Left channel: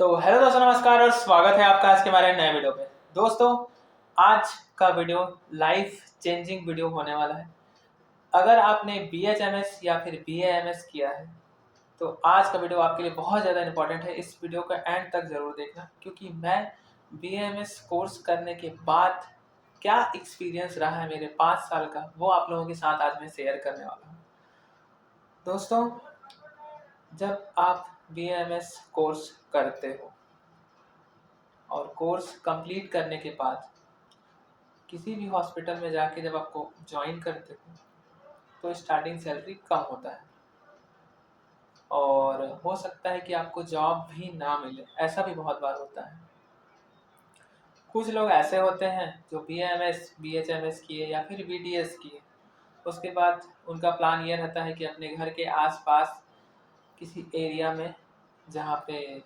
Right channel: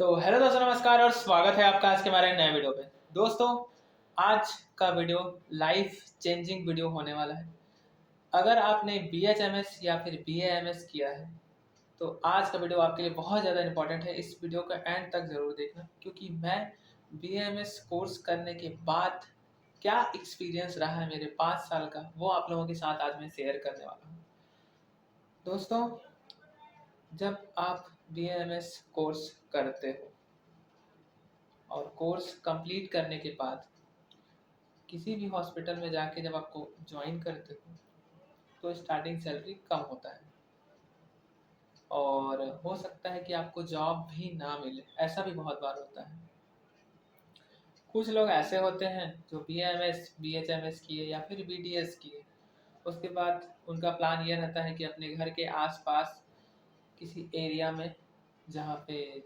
तो हेलो दोस्तों, नमस्कार और स्वागत है आपका आज के हमारे नए वीडियो पे। दोस्तों, आज का वीडियो लाइफ चेंजिंग वीडियो होने वाला है। अगर आपने BHMS या फिर BAMS किया है तो आज का वीडियो आपके लिए बहुत ज़्यादा इंपॉर्टेंट है। इस वीडियो का एंड तक ज़रूर देखना, क्योंकि मैं BAMS कोर्स करने के बाद क्या एक्सपीरियंस रहा है मेरे 5 साल का, वो आप लोगों के साथ आज मैं शेयर करने वाला हूँ। दोस्तों, जब आप BAMS कोर्स करते हो और कोर्स कंप्लीट करने के बाद किसी भी हॉस्पिटल में जाके जब आपको ज्वाइन करते हो तो स्टार्टिंग सैलरी कम होता है और हो सकता है कि आपको जॉब भी ना मिले। ऐसा भी बहुत बार होता है। कुछ लोग ऐसे होते हैं जो BAMS BHMS किए या फिर BDS किए, उसके बाद उनका प्लान ये रहता है कि अपने घर के आसपास किसी एरिया में, जहाँ पे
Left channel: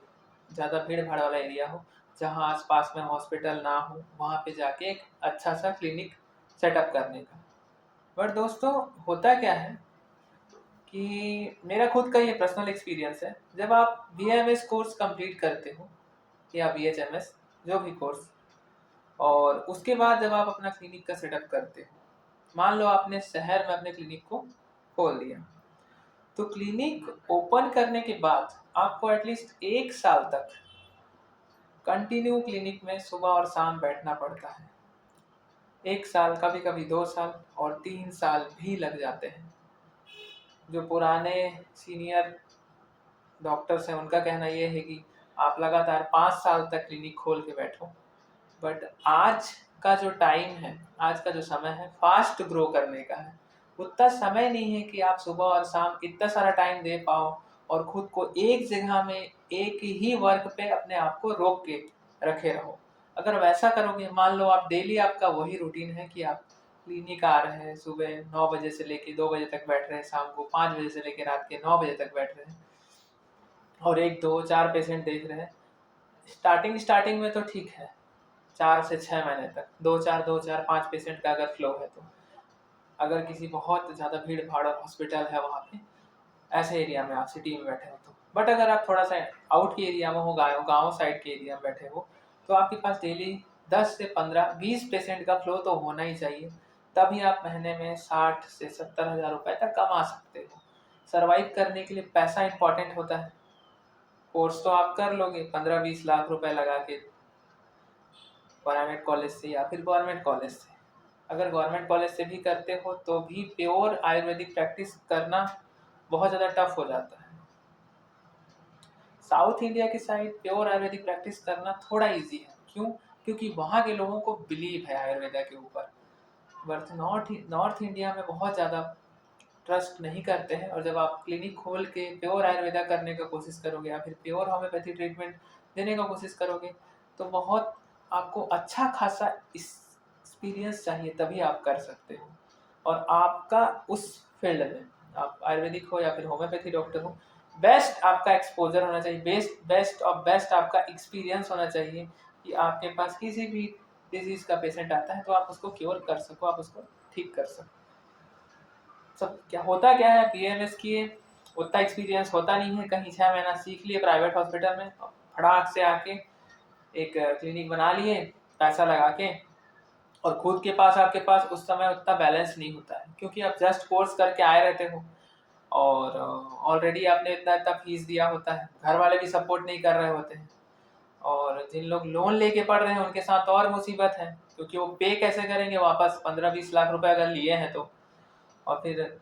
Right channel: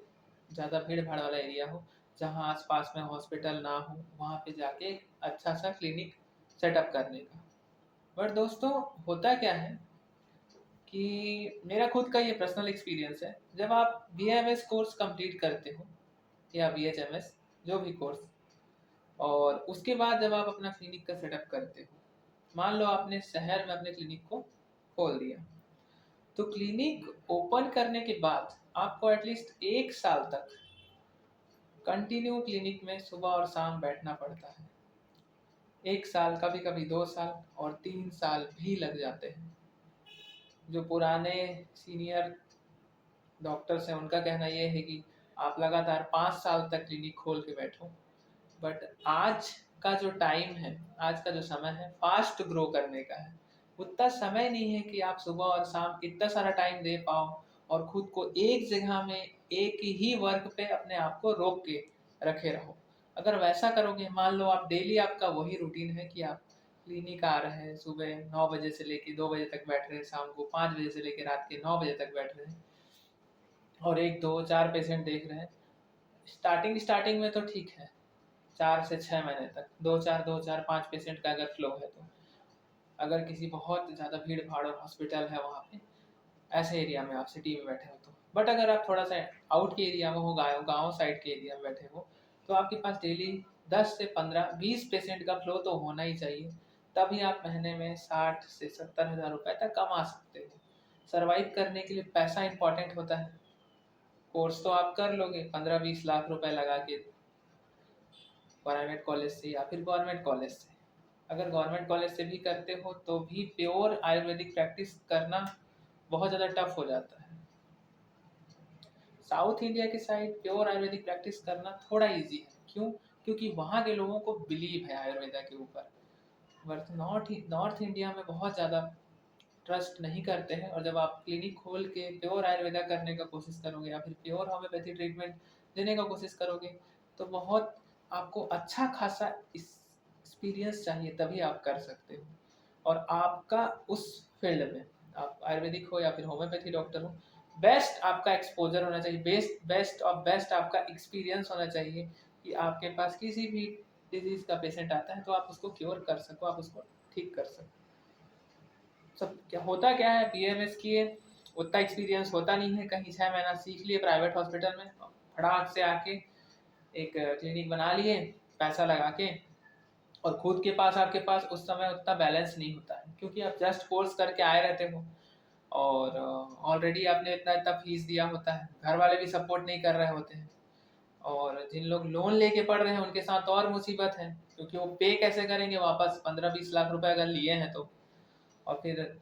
ज़्यादा भीड़ भाड़ वाला एरिया हो, जहाँ आसपास में हॉस्पिटल ना हो, वहाँ पे जाके एक अच्छा सा क्लिनिक सेटअप करने का। बट दोस्तों, होता क्या है कि मेरा खुद का ये पर्सनल एक्सपीरियंस है। जब आप BAMS कोर्स कंप्लीट करते हो या BHMS, जो भी कोर्स, और उसके बाद जब आप अपना क्लिनिक का सेटअप करते हो, मान लो आपने शहर में अपने क्लिनिक को खोल दिया, तो क्लिनिक ओपन करने के बाद आपको एटलीस्ट 1 साल तक कंटिन्यू क्लिनिक में सुबह और शाम बैठना पड़ता है। 1 साल, कभी कभी 2 साल और 3 साल भी लग जाते हैं। जो पुराने सीनियर डॉक्टर्स हैं उनका कहना ये है कि आप लगातार 5 साल तक क्लिनिक खोल के बैठो। बट आज का जो टाइम है, आज का जो समय है, फास्ट ग्रो करने का है। उतना समय नहीं है कि आप सुबह और शाम इतना सारा टाइम दे पाओ और खुद को एक जगह में एक ही वर्क पे अपने आप को रोक के रखे रहो। अगर वैसा करोगे, मान लो आप डेली आपका वही रूटीन है कि आप क्लिनिक आ रहे हैं, सुबह 9 बजे से लेके 2 बजे तक बैठ रहे हैं, शाम को 5 बजे से लेके रात के 9 बजे तक बैठ रहे हैं और 1 2 4 पेशेंट देख रहे हैं। स्टार्टिंग स्टार्टिंग में तो ठीक है, 4 से 6 महीने तक 2 4 5 पेशेंट का अगर फ्लो है तो। अगर किसी बहुत ज़्यादा भीड़ भाड़ और हॉस्पिटल है वहाँ पे, ऐसे एरिया में आप सिटी में बैठे हो तो। बट अगर आप थोड़ा सा आउट के एरिया में हो, गाँव गाँव साइड के एरिया में बैठे हो, तो आपके पास डेली 10 से 15 20 पेशेंट का फ्लो तो होना ही चाहिए। तभी आप महीने में 60 से 70 हज़ार रुपए तक कमा सकते हो। सर्वाइव करने के लिए पैसा इंपॉर्टेंट होता है। कोर्स तो आप कर लोगे 15 20 लाख रुपए लगा के प्राइवेट कॉलेज से या फिर गवर्नमेंट कॉलेज से। अगर गवर्नमेंट कॉलेज से भी करते हो तो भी प्योर आयुर्वेदिक प्रैक्टिस करना बहुत ज़्यादा टफ हो जाता है। साउथ इंडिया की साइड प्योर आयुर्वेदिक प्रैक्टिस करना थोड़ा इजी है। क्यों? क्योंकि वहाँ के लोगों को बिलीव है आयुर्वेदा के ऊपर। बट नॉर्थ इंडिया में बहुत ज़्यादा ट्रस्ट नहीं करते हैं। और जब आप क्लिनिक खोल के प्योर आयुर्वेदा करने का कोशिश करोगे या फिर प्योर होम्योपैथी ट्रीटमेंट देने का कोशिश करोगे, तो बहुत आपको अच्छा खासा एक्सपीरियंस चाहिए, तभी आप कर सकते हो। और आपका उस फील्ड में, आप आयुर्वेदिक हो या फिर होम्योपैथी डॉक्टर हो, बेस्ट आपका एक्सपोजर होना चाहिए, बेस्ट बेस्ट और बेस्ट आपका एक्सपीरियंस होना चाहिए कि आपके पास किसी भी डिजीज़ का पेशेंट आता है तो आप उसको क्योर कर सको, आप उसको ठीक कर सको। सब क्या होता क्या है, BAMS किए उतना एक्सपीरियंस होता नहीं है। कहीं 6 महीना सीख लिए प्राइवेट हॉस्पिटल में, फटाक से आके एक क्लिनिक बना लिए पैसा लगा के, और खुद के पास आपके पास उस समय उतना बैलेंस नहीं होता है, क्योंकि आप जस्ट कोर्स करके आए रहते हो और ऑलरेडी आपने इतना इतना फीस दिया होता है। घर वाले भी सपोर्ट नहीं कर रहे होते हैं, और जिन लोग लोन लेके पढ़ रहे हैं उनके साथ और मुसीबत है, क्योंकि वो पे कैसे करेंगे वापस 15 20 लाख रुपए अगर लिए हैं तो। और फिर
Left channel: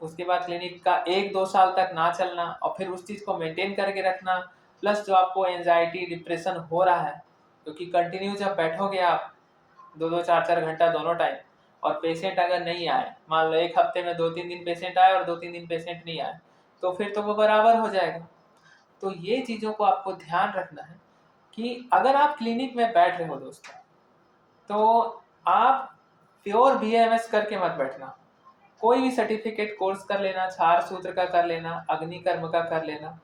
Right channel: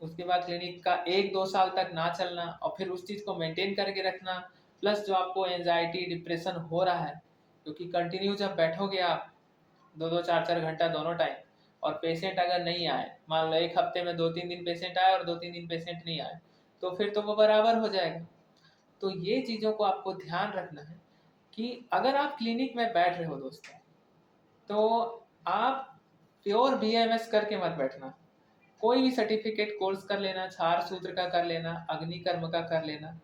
उसके बाद क्लिनिक का 1 2 साल तक ना चलना और फिर उस चीज़ को मेंटेन करके रखना, प्लस जो आपको एंजाइटी डिप्रेशन हो रहा है, क्योंकि कंटिन्यू जब बैठोगे आप 2 2 4 4 घंटा दोनों टाइम, और पेशेंट अगर नहीं आए, मान लो एक हफ्ते में 2 3 दिन पेशेंट आए और 2 3 दिन पेशेंट नहीं आए, तो फिर तो वो बराबर हो जाएगा। तो ये चीज़ों को आपको ध्यान रखना है कि अगर आप क्लिनिक में बैठ रहे हो दोस्तों, तो आप प्योर BAMS करके मत बैठना। कोई भी सर्टिफिकेट कोर्स कर लेना, क्षार सूत्र का कर लेना, अग्निकर्म का कर लेना,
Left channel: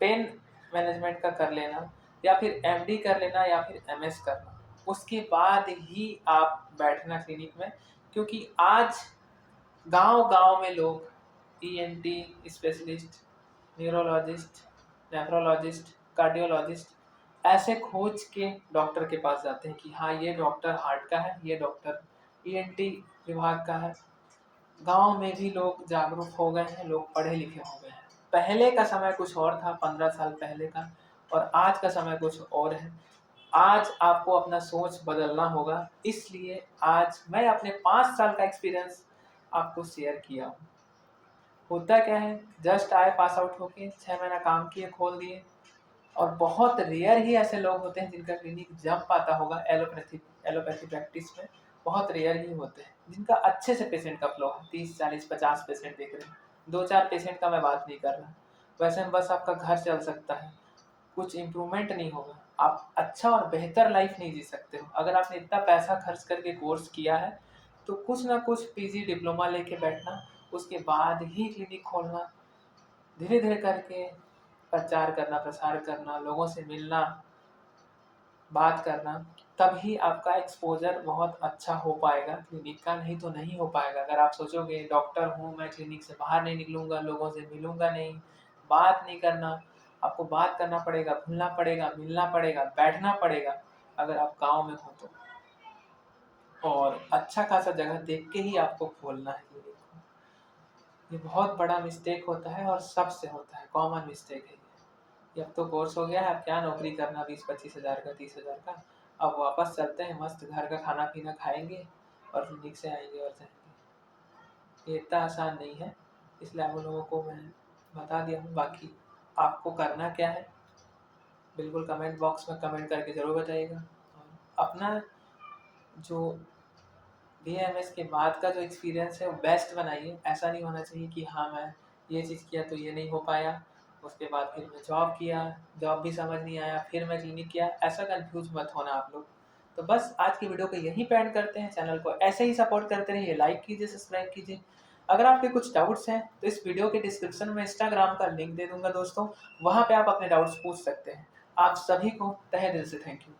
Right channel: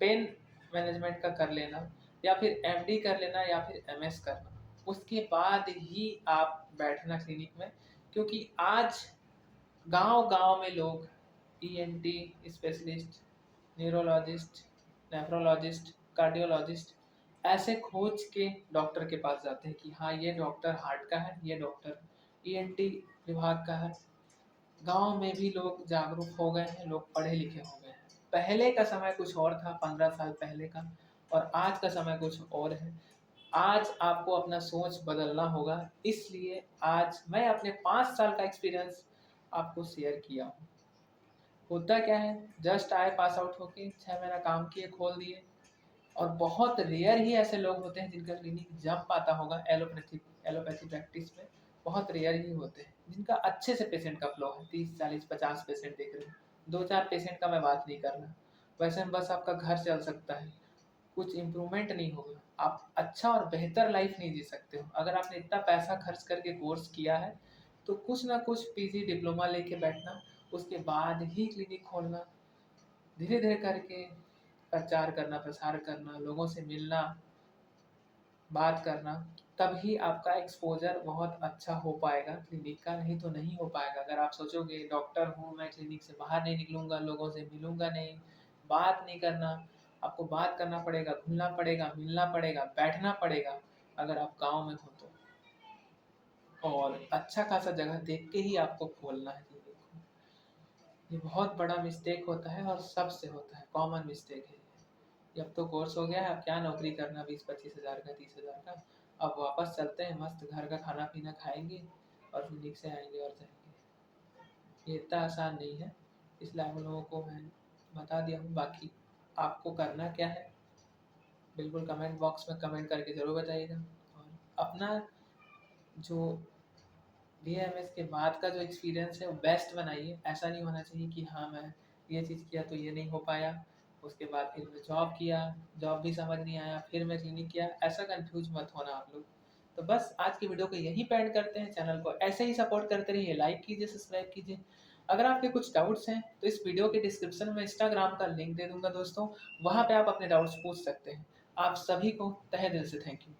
पेन मैनेजमेंट का कर लेना, या फिर MD कर लेना, या फिर MS करना। उसके बाद ही आप बैठना क्लिनिक में, क्योंकि आज गांव-गांव में लोग ENT specialist, neurologist, nephrologist cardiologist ऐसे खोज के डॉक्टर के पास जाते हैं कि हाँ ये डॉक्टर हार्ट का है, ये डॉक्टर ईएनटी विभाग का है। गांव में भी लोग जागरूक हो गए हैं, लोग पढ़े लिखे हो गए हैं। पहले का समय कुछ और था, 15 साल पहले का, और आज का समय कुछ और है। आज आपको अपना सोच बदलना होगा, इसलिए आज मैं अपने 5 साल का एक्सपीरियंस आपको शेयर किया हूँ। होता क्या है, जस्ट आए पास आउट होके 6 महीना काम किए, खोल दिए। और बहुत रेयर ही ऐसे लोग होते हैं जिनका क्लिनिक जम पाता होगा एलोपैथी प्रैक्टिस में। बहुत रेयर ही होते हैं जिनका अच्छे से पेशेंट का फ्लो है, 30 40 50 पेशेंट देख रहे हैं। 2 4 पेशेंट का मैं बात नहीं कर रहा। वैसे में बस आपका घर चल सकता है, कुछ इम्प्रूवमेंट नहीं होगा, आप अच्छा और बेहतर लाइफ नहीं जी सकते हो। अगर आपने इतना पैसा खर्च करके कोर्स किया है तो कुछ ना कुछ पीजी डिप्लोमा लेके बैठना, उसके बाद ही क्लिनिक खोलना, धीरे धीरे करके प्रचार करना, प्रसार करना, लोगों से मिलना, बात करना, तभी आपका एक्सपोजर बहुत अच्छा हो पाएगा क्लिनिक का, नहीं तो नहीं हो पाएगा। अगर आप सोचोगे डॉक्टर हूँ मैं, क्लिनिक से बाहर नहीं निकलूंगा, लोगों से मिलूंगा नहीं, बात नहीं करना, आपको बात करना पड़ेगा, घुलना पड़ेगा, मिलना पड़ेगा, बैठना पड़ेगा अगर आप गाँव में हो तो। और अच्छा खासा जगह देख के ही आपको खोलना है क्लिनिक को। ये बहुत बड़ा मिस्टेक होता है और सबसे होता है, कॉमन मिस्टेक है ये। अब तो कोर्स हो गया है, अब क्या नौकरी करना 20-25 हज़ार का, 30 हज़ार का। अब वापस चलते हैं, मस्त घर का खाना पीना खाएंगे और क्लिनिक से आएंगे और जाएंगे। ये इतना आसान नहीं है, इसलिए आप लोगों को मैं बता दिया हूँ। बाकी आपको करना क्या है, बिल्कुल कमेंट बॉक्स में कमेंट करके ज़रूर बताइएगा। और अपना जो बीएमएस के बाद का जो एक्सपीरियंस है वो बेस्ट बनाइए। ऐसा नहीं होना चाहिए कि हाँ मैं ये चीज़ किया तो ये नहीं हो पाया, उसके बाद फिर मैं जॉब किया, जॉब भी समझ नहीं आया, फिर मैं क्लिनिक किया। ऐसा कंफ्यूज मत होना आप लोग। तो बस आज की वीडियो को यहीं पे एंड करते हैं। चैनल को ऐसे ही सपोर्ट करते रहिए, लाइक कीजिए, सब्सक्राइब कीजिए। अगर आपके कुछ डाउट्स हैं तो इस वीडियो के डिस्क्रिप्शन में इंस्टाग्राम का लिंक दे दूंगा दोस्तों, वहाँ पे आप अपने डाउट्स पूछ सकते हैं। आप सभी को तहे दिल से थैंक यू।